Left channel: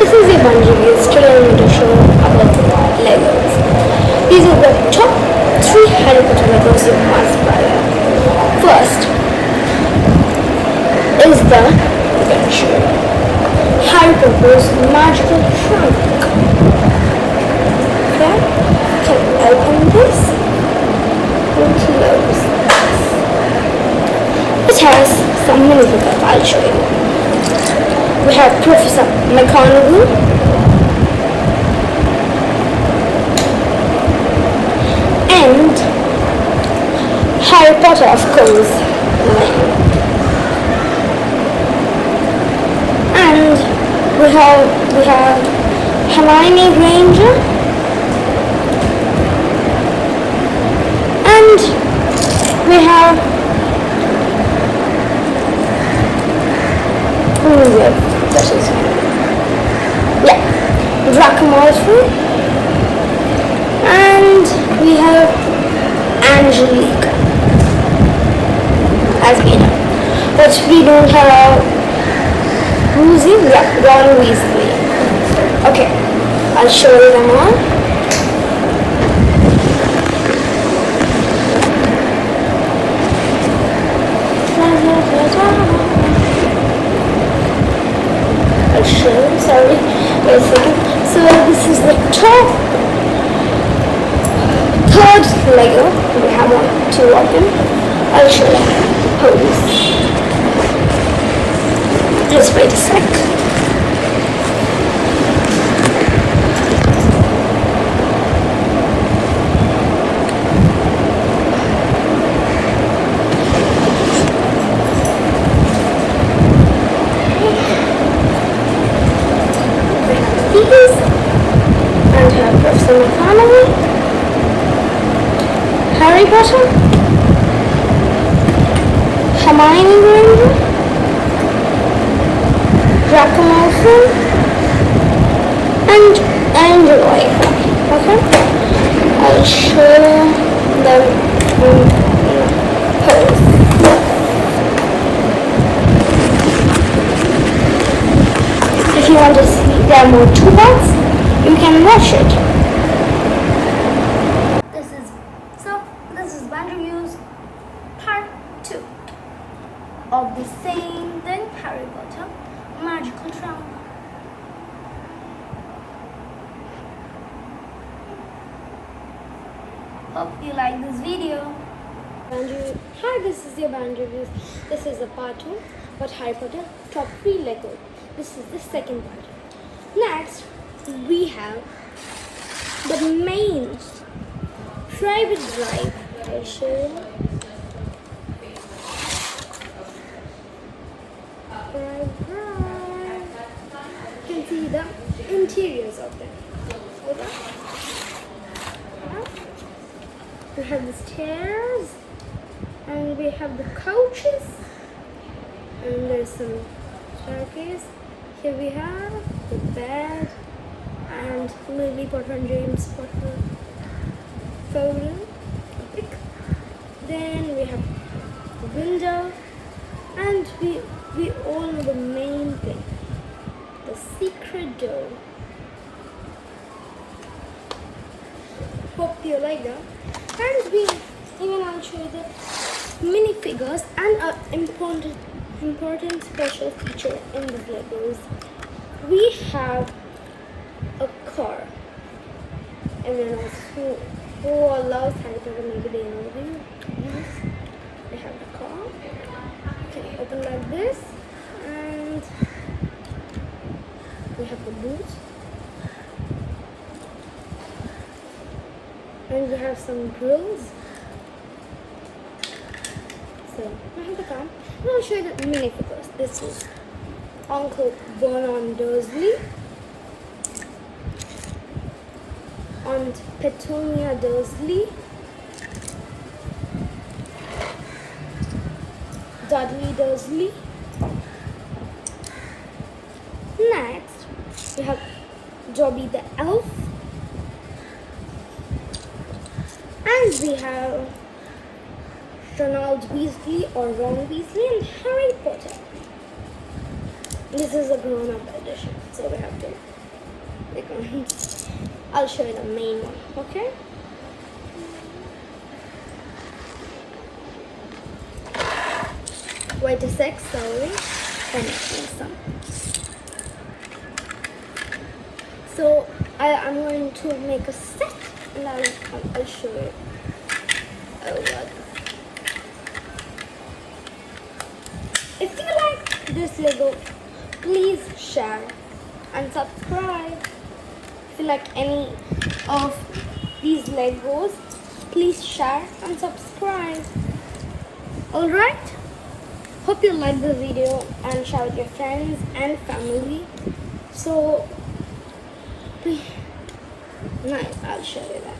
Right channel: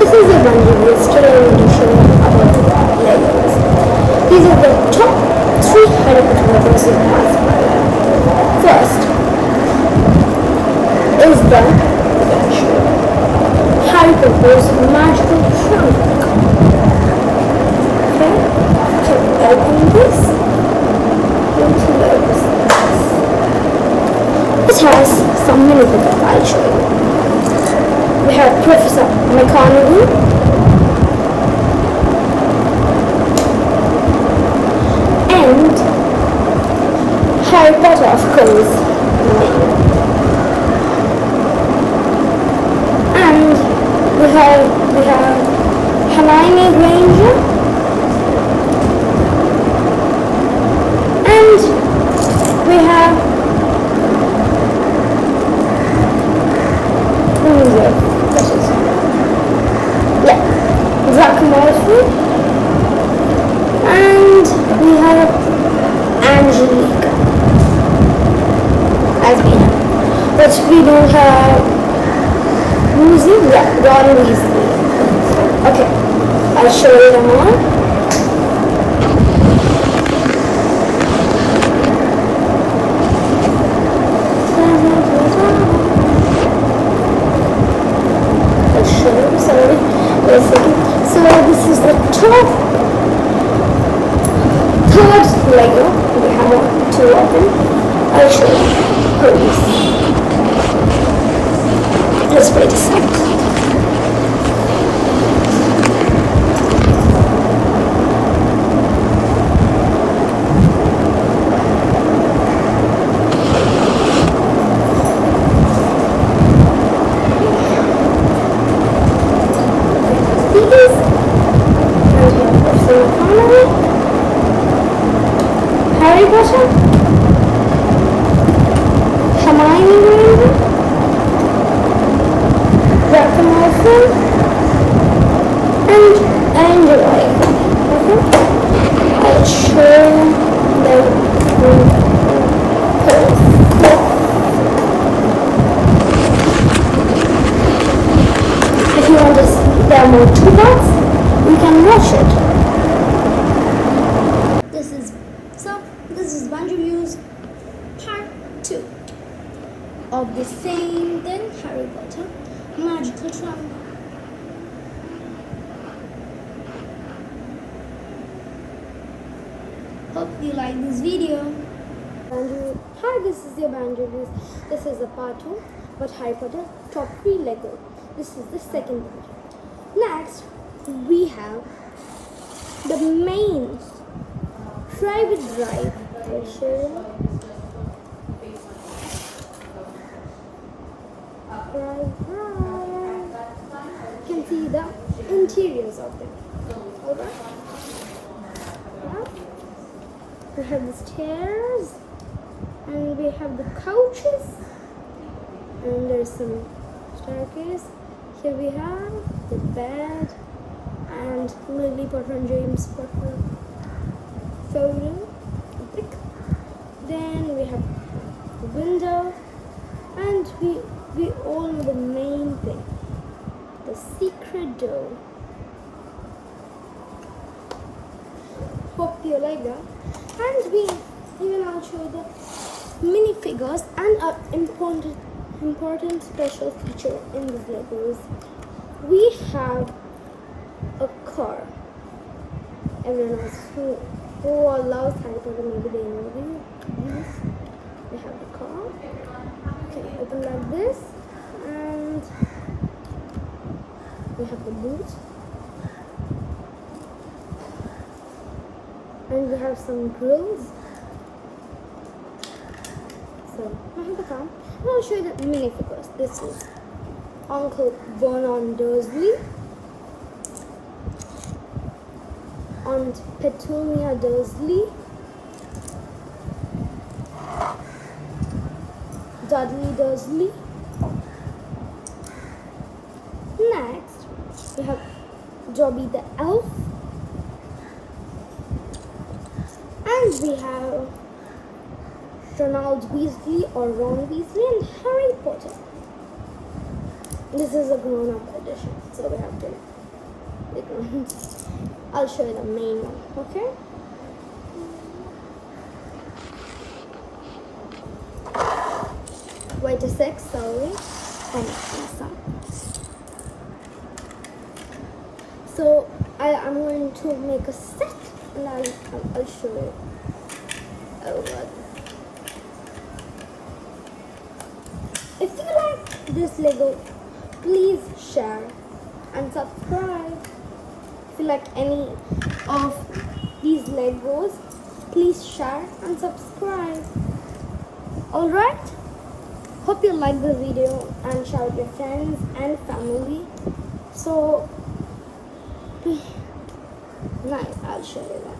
This is a bunch of years still going to show about Legos. These are the top 3 Harry Potter Legos you must buy. First is the Harry Potter's Magical Trunk. Okay, can we open this? Close. It has some minifigures that I'll show you. We have Professor McGonagall, and Harry Potter, of course, and we have Hermione Granger, and we have Draco Malfoy, and we have Angelique, as we know. But we don't have who's in Ron Weasley. Okay, I'll show you them all. I'll show you, sorry, wait a second. So this is the top third Lego. We have 2 of them. I'll show you how it is. Just wait a sec. Harry Potter, Hermione Granger, Draco Malfoy, and Angelique. Okay, I'll show them in person. If you want to see there are more toolbox, you can watch it. This is Bunch Reviews Part 2 of the same thing, Harry Potter Magical Trunk. Hope you like this video. Hi, this is your Band Reviews. This is a part 2 about Harry Potter Top 3 Lego. This is the second part. Next, we have the main private drive. I'll show you. You can see the interiors of them. Hold on. We have the stairs, and we have the couches, and there's some staircase. Here we have the bed and Lily Potter and James Potter photo. Then we have the window, and we all know the main thing, the secret door. Hope you like that. And I'll show you the minifigures and an important special feature in the Legos. We have a car. Everyone else who loves Harry Potter, maybe they know these. We have the car. You can open like this, and we have the boot, and we have some grills. So I have the car. I'll show you the minifigures. This is Uncle Vernon Dursley, Aunt Petunia Dursley, Dudley Dursley. Next, we have Dobby the elf, and we have Ronald Weasley or Ron Weasley and Harry Potter. This is a grown-up edition, so we have to background. I'll show you the main one, okay? Wait a sec, sorry. I'm making some. So I'm going to make a set and I'll show you. Oh god. If you like this Lego, please share and subscribe. If you like any of these Legos, please share and subscribe. Alright? Hope you like the video and share with your friends and family. So, please, nice, I'll show you that.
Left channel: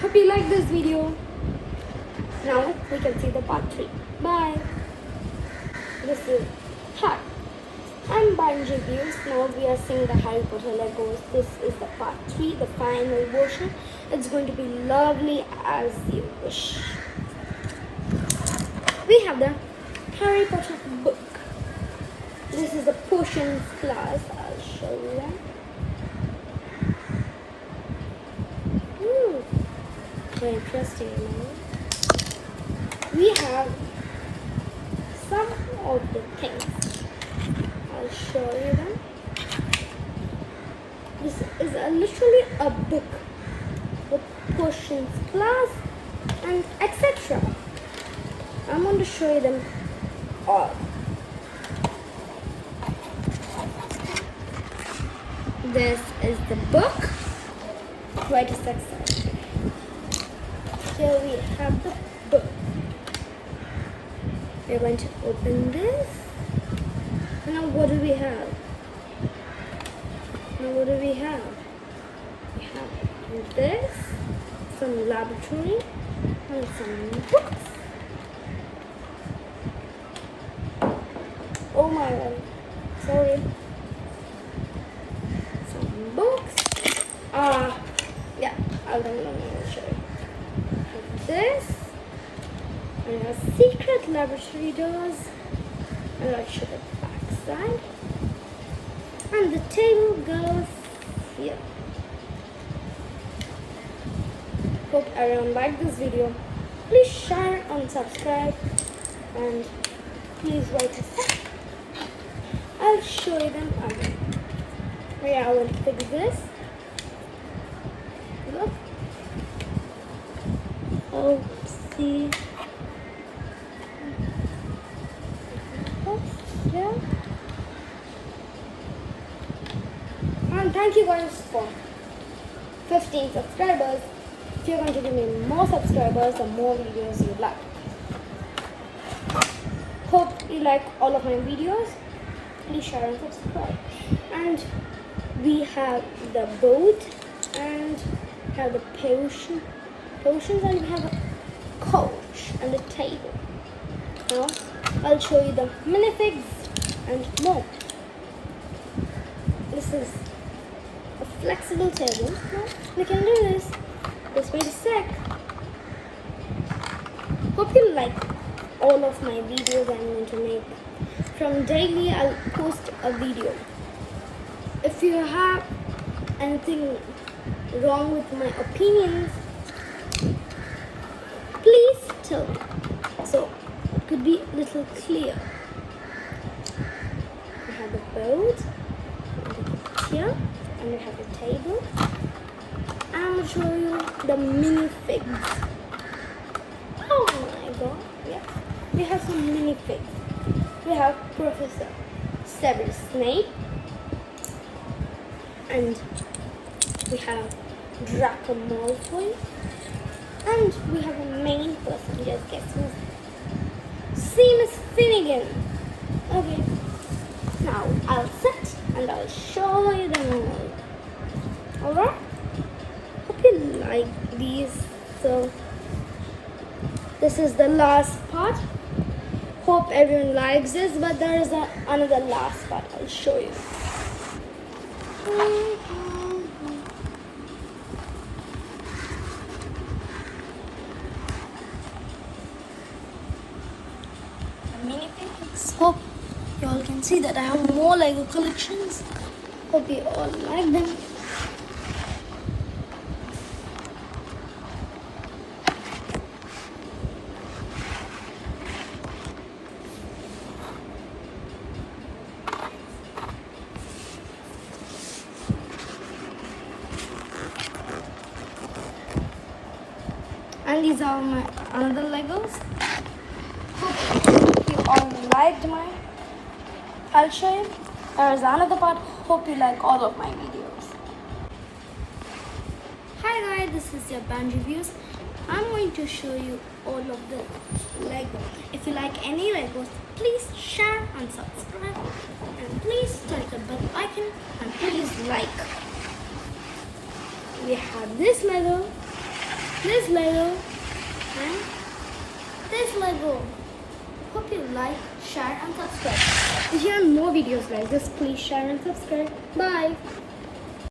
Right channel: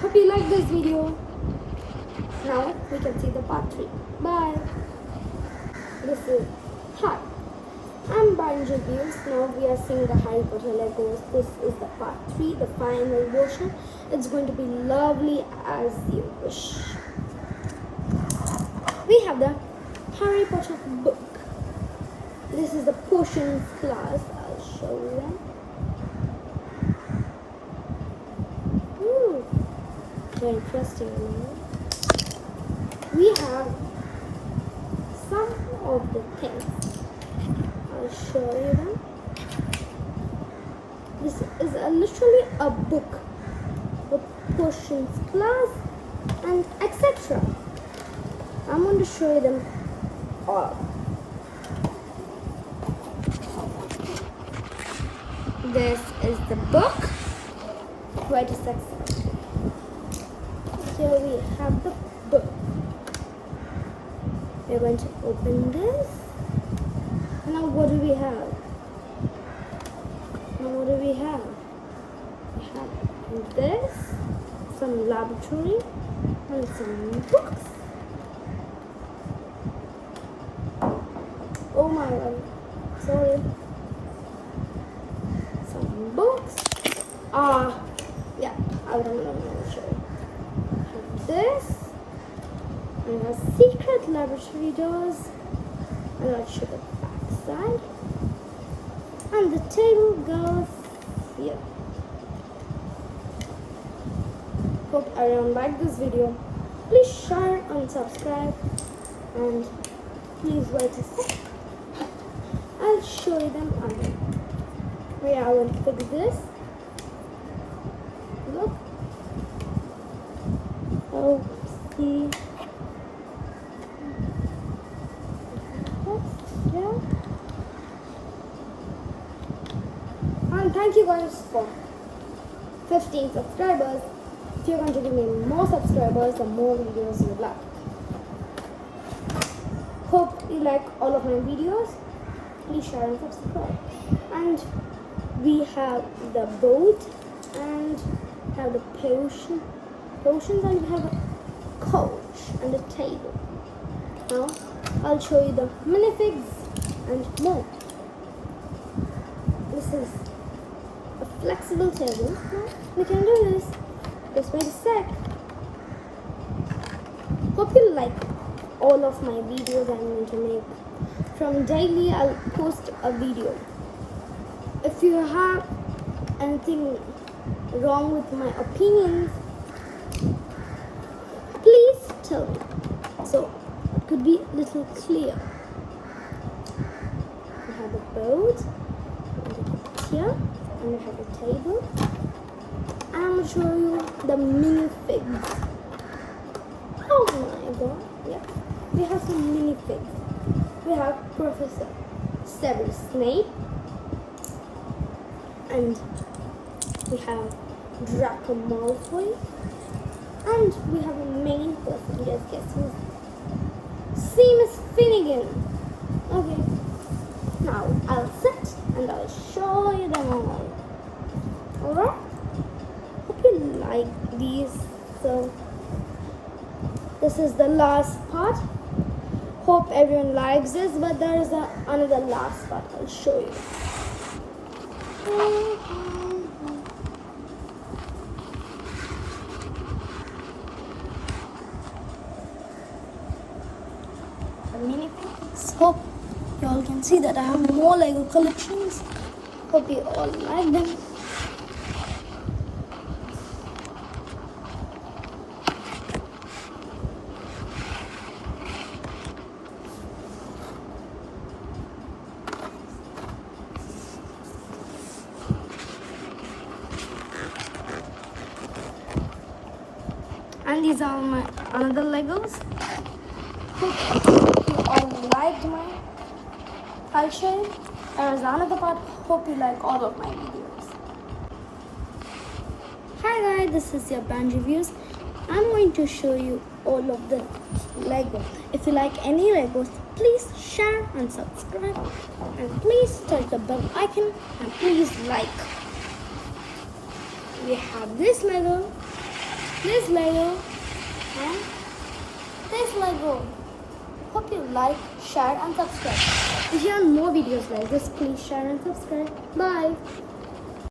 Hope you like this video. Now we can see the part 3. Bye. This is Hi. I'm Banji Views. Now we are seeing the Harry Potter Legos. This is the part 3, the final version. It's going to be lovely as you wish. We have the Harry Potter book. This is the potions class. I'll show you that. Very interesting. We have some of the things. I'll show you them. This is literally a book of potions class and etc. I'm going to show you them all. This is the book. Wait a second. Here we have the book. We're going to open this. And now what do we have? Now what do we have? We have this, some laboratory, and some books. Oh my god. Sorry. Some books. Yeah, I don't know what to show you. This and a secret laboratory doors, and I'll show the back side, and the table goes here. Hope everyone liked this video. Please share and subscribe, and please wait a sec. I'll show you them again. Yeah, I will fix this. Look. Oh, see. Yeah. And thank you guys for 15 subscribers. If you're going to give me more subscribers, the more videos you like. Hope you like all of my videos. Please share and subscribe. And we have the boat and have the potions, and we have a coach and a table. Now I'll show you the minifigs and more. This is a flexible table. Now we can do this. Just wait a sec. Hope you like all of my videos I'm going to make. From daily I'll post a video. If you have anything wrong with my opinions, please tell me, so it could be a little clear. We have a boat, and here, and we have a table. I'm going to show you the minifigs. Oh my god, yeah. We have some minifigs. We have Professor Severus Snape, and we have Draco Malfoy, and we have a main person. Just guess who's Seamus Finnegan. Okay, now I'll sit and I'll show you them all. Alright? Hope you like these. So this is the last part. Hope everyone likes this, but there is another last part I'll show you. The minifigs. Hope you all can see that I have more Lego collections. Hope you all like them. And these are my another Legos. Hope you all liked mine. I'll show you. There's another part. Hope you like all of my videos. Hi guys, this is your band reviews. I'm going to show you all of the Lego. If you like any Legos, please share and subscribe. And please touch the bell icon and please like. We have this Lego, and this Lego. Hope you like, share and subscribe. If you want more videos like this, please share and subscribe. Bye.